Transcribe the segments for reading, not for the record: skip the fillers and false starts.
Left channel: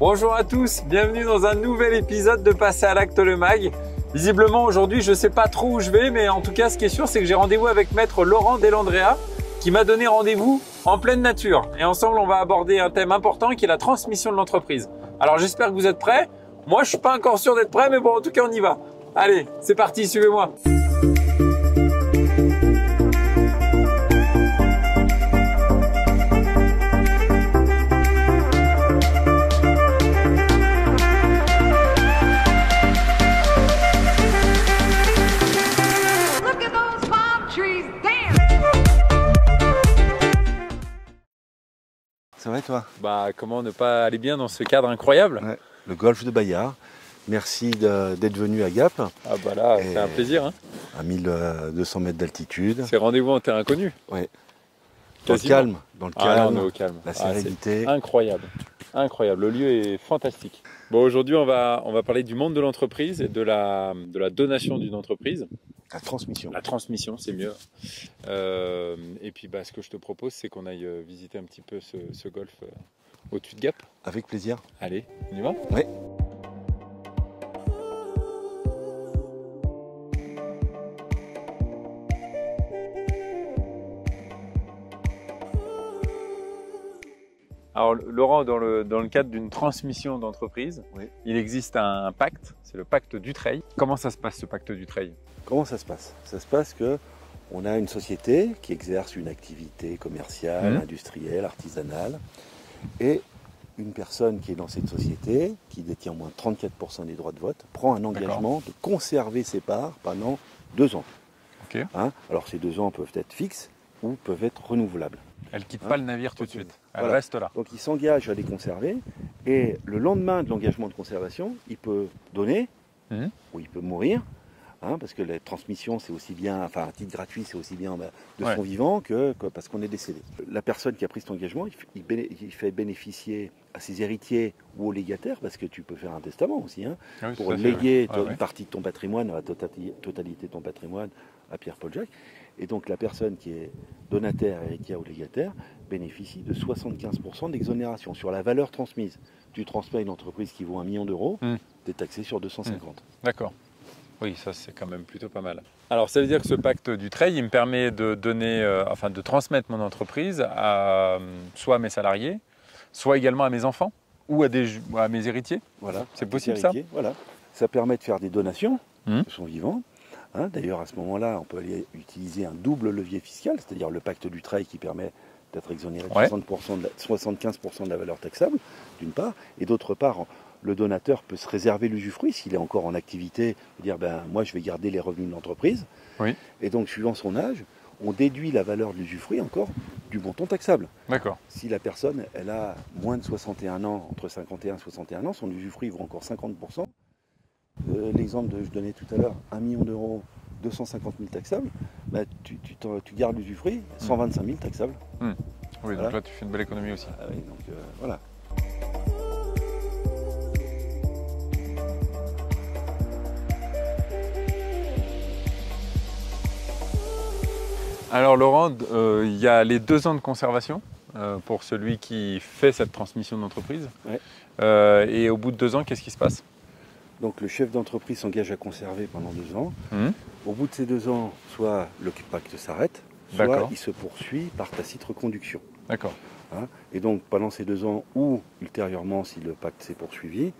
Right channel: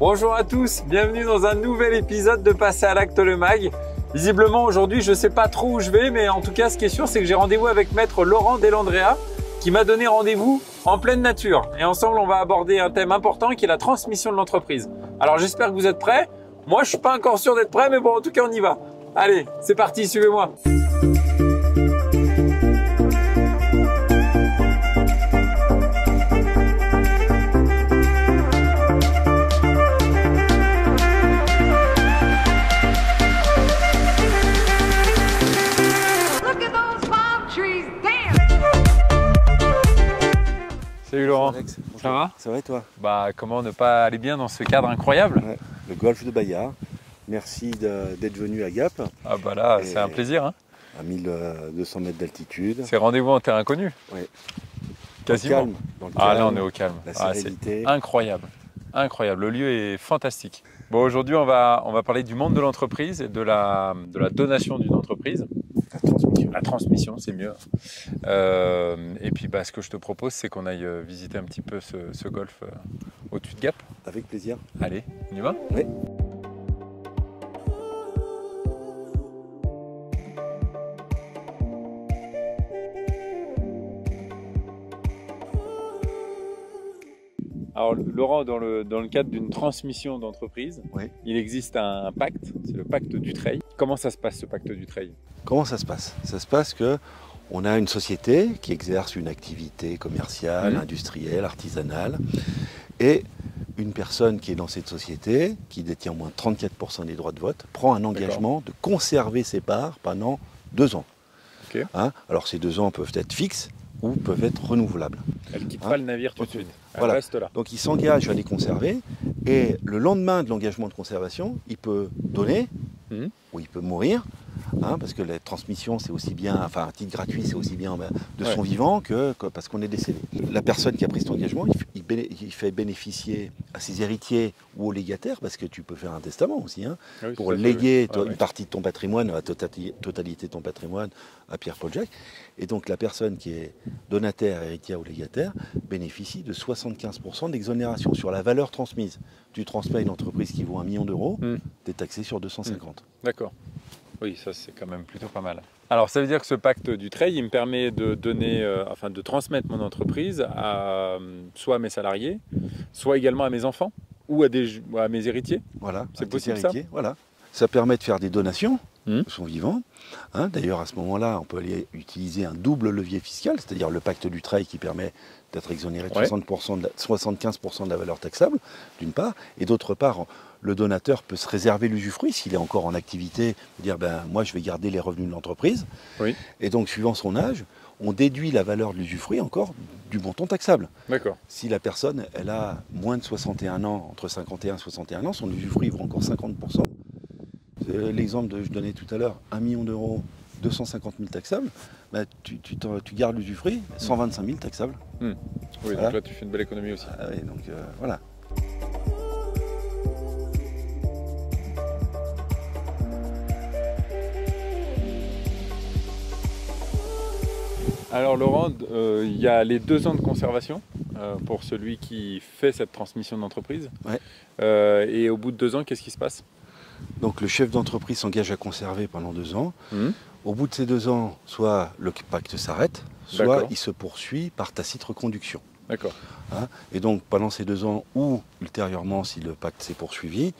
Bonjour à tous, bienvenue dans un nouvel épisode de Passer à l'acte le mag. Visiblement aujourd'hui je ne sais pas trop où je vais, mais en tout cas ce qui est sûr c'est que j'ai rendez-vous avec maître Laurent Delandrea qui m'a donné rendez-vous en pleine nature. Et ensemble on va aborder un thème important qui est la transmission de l'entreprise. Alors j'espère que vous êtes prêts. Moi je suis pas encore sûr d'être prêt, mais bon en tout cas on y va. Allez, c'est parti, suivez-moi. Salut Laurent, ça va? Ça va et toi? Bah comment ne pas aller bien dans ce cadre incroyable? Ouais, le golfe de Bayard. Merci d'être venu à Gap. Ah bah là, c'est un plaisir. Hein. À 1200 mètres d'altitude. C'est rendez-vous en terrain connu. Ouais. Quasiment. Dans le calme. Ah là, on est au calme. La sérénité. Incroyable. Incroyable. Le lieu est fantastique. Bon, aujourd'hui, on va parler du monde de l'entreprise et de la donation d'une entreprise. La transmission. La transmission, c'est mieux. Et puis, ce que je te propose, c'est qu'on aille visiter un petit peu ce golfe au-dessus de Gap. Avec plaisir. Allez, on y va? Oui. Alors Laurent, dans le cadre d'une transmission d'entreprise, il existe un pacte, c'est le pacte Dutreil. Comment ça se passe ce pacte Dutreil? Comment ça se passe? Ça se passe que on a une société qui exerce une activité commerciale, industrielle, artisanale, et une personne qui est dans cette société, qui détient au moins 34% des droits de vote, prend un engagement de conserver ses parts pendant 2 ans. Okay. Alors ces 2 ans peuvent être fixes ou peuvent être renouvelables. Elle ne quitte pas le navire tout de suite, elle reste là. Donc il s'engage à les conserver, et le lendemain de l'engagement de conservation, il peut donner, ou il peut mourir, parce que la transmission c'est aussi bien, enfin un titre gratuit c'est aussi bien de son vivant que parce qu'on est décédé. La personne qui a pris cet engagement, il fait bénéficier à ses héritiers ou aux légataires, parce que tu peux faire un testament aussi, pour léguer une partie de ton patrimoine, la totalité de ton patrimoine à Pierre-Paul Jacques. Et donc la personne qui est donataire, héritière ou légataire bénéficie de 75% d'exonération sur la valeur transmise. Tu transmets une entreprise qui vaut 1 million d'euros, tu es taxé sur 250. D'accord. Oui, ça c'est quand même plutôt pas mal. Alors ça veut dire que ce pacte Dutreil, il me permet de donner, de transmettre mon entreprise à soit à mes salariés, soit également à mes enfants ou à mes héritiers. Voilà. C'est possible ça? Voilà. Ça permet de faire des donations de son vivant. D'ailleurs à ce moment-là, on peut aller utiliser un double levier fiscal, c'est-à-dire le pacte Dutreil qui permet d'être exonéré de 75% de la valeur taxable, d'une part, et d'autre part, le donateur peut se réserver l'usufruit s'il est encore en activité, dire moi je vais garder les revenus de l'entreprise. Et donc suivant son âge, on déduit la valeur de l'usufruit encore du montant taxable. D'accord. Si la personne elle a moins de 61 ans, entre 51 et 61 ans, son usufruit vaut encore 50%. L'exemple que je donnais tout à l'heure, 1 million d'euros, 250 000 taxables, tu gardes l'usufruit, 125 000 taxables. Oui, voilà. Donc là tu fais une belle économie aussi. Donc voilà. Alors Laurent, il y a les 2 ans de conservation pour celui qui fait cette transmission d'entreprise. Et au bout de 2 ans, qu'est-ce qui se passe? Donc le chef d'entreprise s'engage à conserver pendant 2 ans. Au bout de ces 2 ans, soit le pacte s'arrête, soit il se poursuit par tacite reconduction. D'accord. Et donc pendant ces 2 ans, ou ultérieurement si le pacte s'est poursuivi,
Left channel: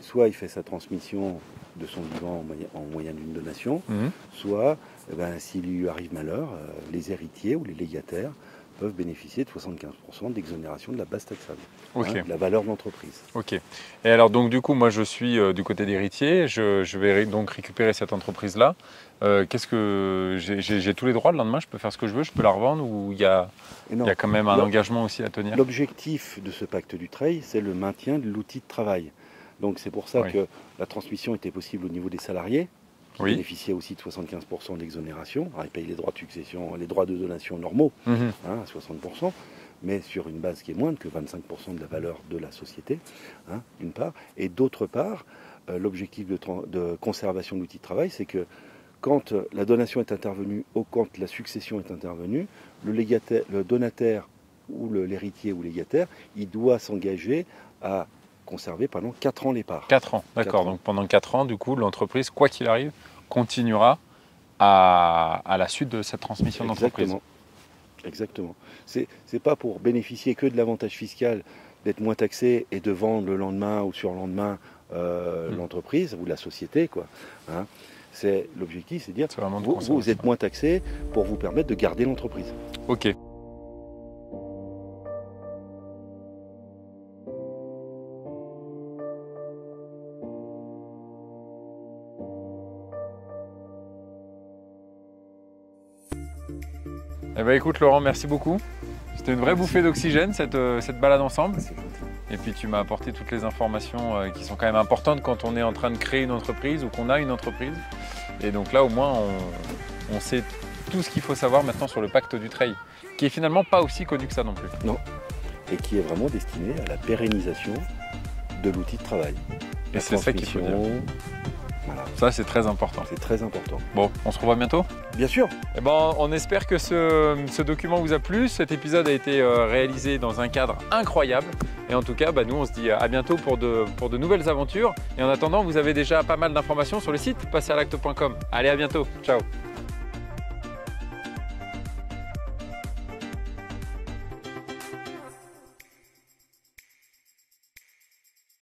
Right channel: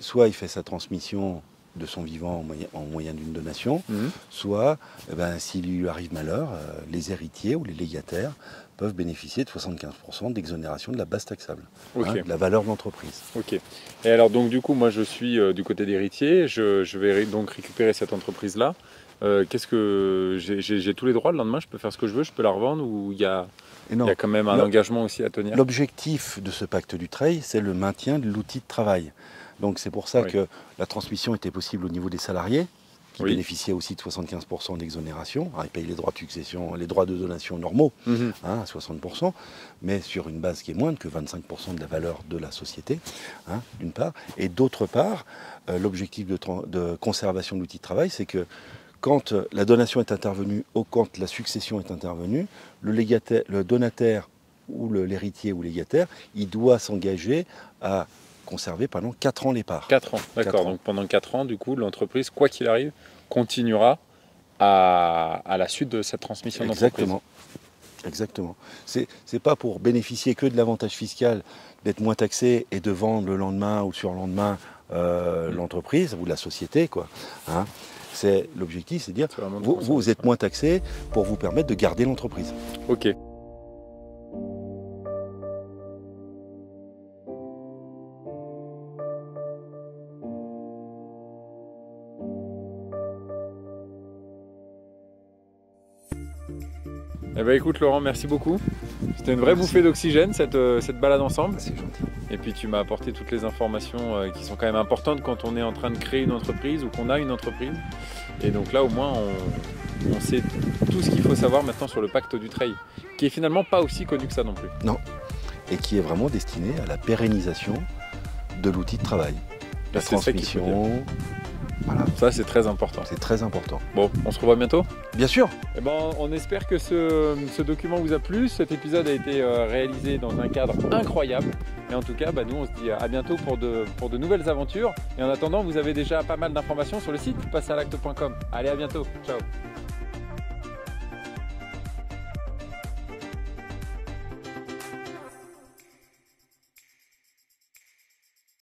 soit il fait sa transmission de son vivant en moyen d'une donation, soit s'il lui arrive malheur, les héritiers ou les légataires peuvent bénéficier de 75% d'exonération de la base taxable, de la valeur de l'entreprise. Ok. Et alors donc du coup, moi je suis du côté d'héritier, je vais donc récupérer cette entreprise-là. Qu'est-ce que j'ai tous les droits le lendemain? Je peux faire ce que je veux, je peux la revendre, ou il y a quand même un engagement aussi à tenir? L'objectif de ce pacte Dutreil, c'est le maintien de l'outil de travail. Donc c'est pour ça que la transmission était possible au niveau des salariés, qui bénéficiaient aussi de 75% d'exonération. Ils payent les droits de succession, les droits de donation normaux, à 60%, mais sur une base qui est moindre que 25% de la valeur de la société, d'une part. Et d'autre part, l'objectif de conservation de l'outil de travail, c'est que quand la donation est intervenue ou quand la succession est intervenue, le donataire ou l'héritier ou légataire, il doit s'engager à conserver pendant 4 ans les parts. 4 ans, d'accord. Donc pendant 4 ans, du coup, l'entreprise, quoi qu'il arrive, continuera à la suite de cette transmission d'entreprise. Exactement. C'est pas pour bénéficier que de l'avantage fiscal d'être moins taxé et de vendre le lendemain ou sur le lendemain l'entreprise ou la société, quoi. Hein, l'objectif, c'est de dire vous êtes moins taxé pour vous permettre de garder l'entreprise. Ok. Eh ben écoute Laurent, merci beaucoup. C'était une vraie bouffée d'oxygène cette balade ensemble. Et puis tu m'as apporté toutes les informations qui sont quand même importantes quand on est en train de créer une entreprise ou qu'on a une entreprise. Et donc là au moins on sait tout ce qu'il faut savoir maintenant sur le pacte du trail, qui est finalement pas aussi connu que ça non plus. Non, et qui est vraiment destiné à la pérennisation de l'outil de travail. C'est ça qu'il faut dire. Voilà. Ça c'est très important. C'est très important. Bon, on se revoit bientôt. Bien sûr. Eh ben, on espère que ce document vous a plu. Cet épisode a été réalisé dans un cadre incroyable. Et en tout cas, nous on se dit à bientôt pour de nouvelles aventures. Et en attendant, vous avez déjà pas mal d'informations sur le site passeralacte.com. Allez, à bientôt. Ciao.